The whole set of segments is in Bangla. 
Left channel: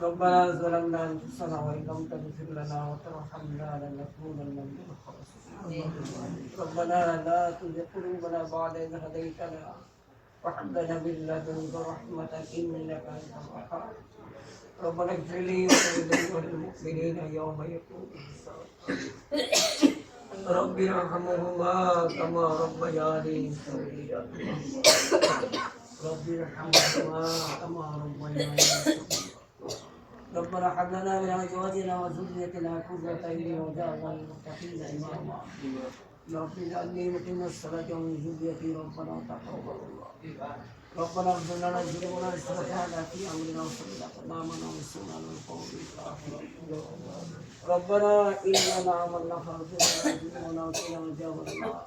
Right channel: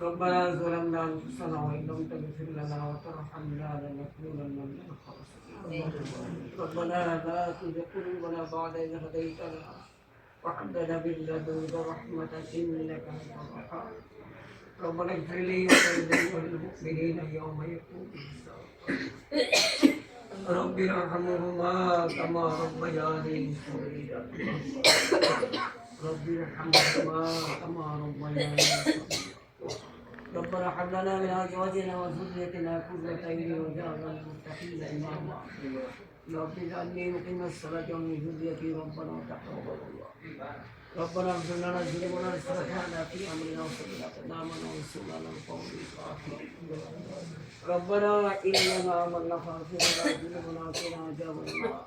ربنا ظلمنا أنفسنا وإن لم تغفر لنا وترحمنا لنكونن من الخاسرين. ربنا لا تزغ قلوبنا بعد إذ هديتنا وهب لنا من لدنك إنك أنت الوهاب. ربنا اغفر لي وللمؤمنين يوم يقوم الحساب رب ارحمهما كما ربياني صغيرا. رب ارحمهما كما ربياني ربنا هب لنا من ازواجنا وذريتنا قرة عين واجعلنا للمتقين اماما رب اجعلني مقيم الصلاة ومن ذريتي ربنا تقبل ربنا اغفر لنا ذنوبنا واسرافنا في امرنا وصلى اقدامنا وانصرنا على القوم الكافرين. ربنا اننا عملنا فاغفر لنا ذنوبنا وقنا عذاب النار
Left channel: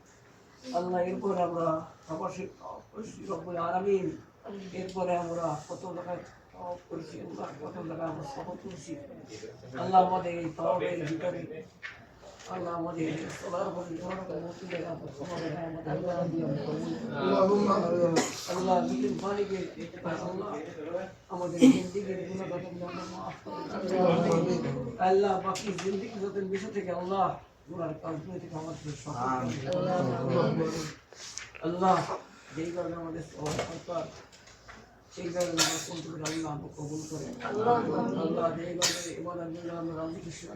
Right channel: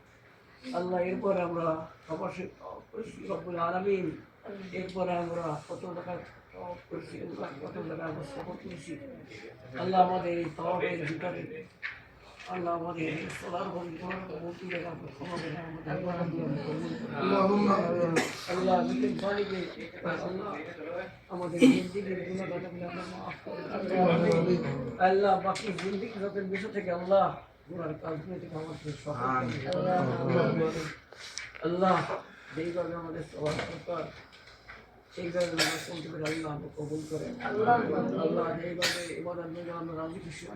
আল্লাহ এরপর আমরা অবশ্যই করেছি রব্বুল আলামিন এরপরে আমরা কত টাকা করেছি কত টাকা আমরা সফর করেছি। আল্লাহ আমাদের এই তওয়াবের ভিতরে আল্লাহ আমাদের সবার উপরে। আল্লাহ আল্লাহ আমাদের জিন্দিগির গুণাগাটাগুলো আমরা মাফ করে আল্লাহ বাকি জিন্দিগি যত বিষয় থেকে আল্লাহ আল্লাহ যেইভাবে আমাদের সবার সরকার সেইভাবে আমরা করতে পারি আল্লাহ আমরা কবুল করে। আল্লাহ যেইভাবে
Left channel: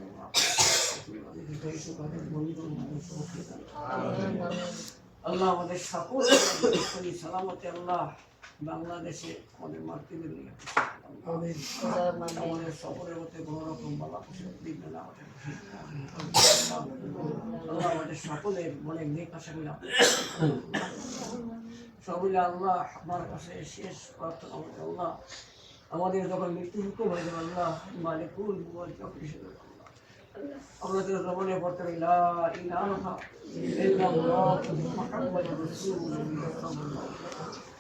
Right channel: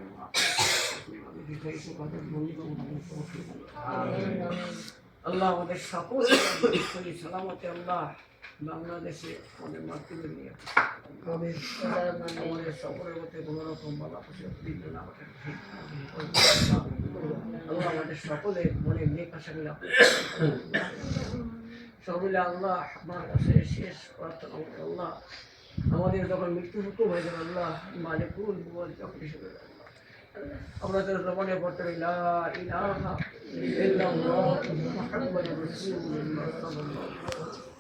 আমরা। আল্লাহ আমাদের সকল সালামতে আল্লাহ। বাংলাদেশে আমাদের মাতৃভূমি নিয়ে আমাদের সকলের মধ্যে কোনো রকম বালা পোষে দিবেন আমাদের। আল্লাহ আমাদের সকলের মনে নেক আশাগুলো সকলে আল্লাহ আমার কাছে শেষ প্রার্থনা আমাদের আল্লাহ আমাদের যখন মৃত্যু হুকুম হয়ে যাবে আল্লাহ মালিকুল মুবাল যখন হিসেবে আমরা তো জমানে পড়তে পারি লা ইলাহা ইল্লাল্লাহ মুহাম্মাদুর রাসূলুল্লাহ। সাল্লাল্লাহু আলাইহি ওয়াসাল্লাম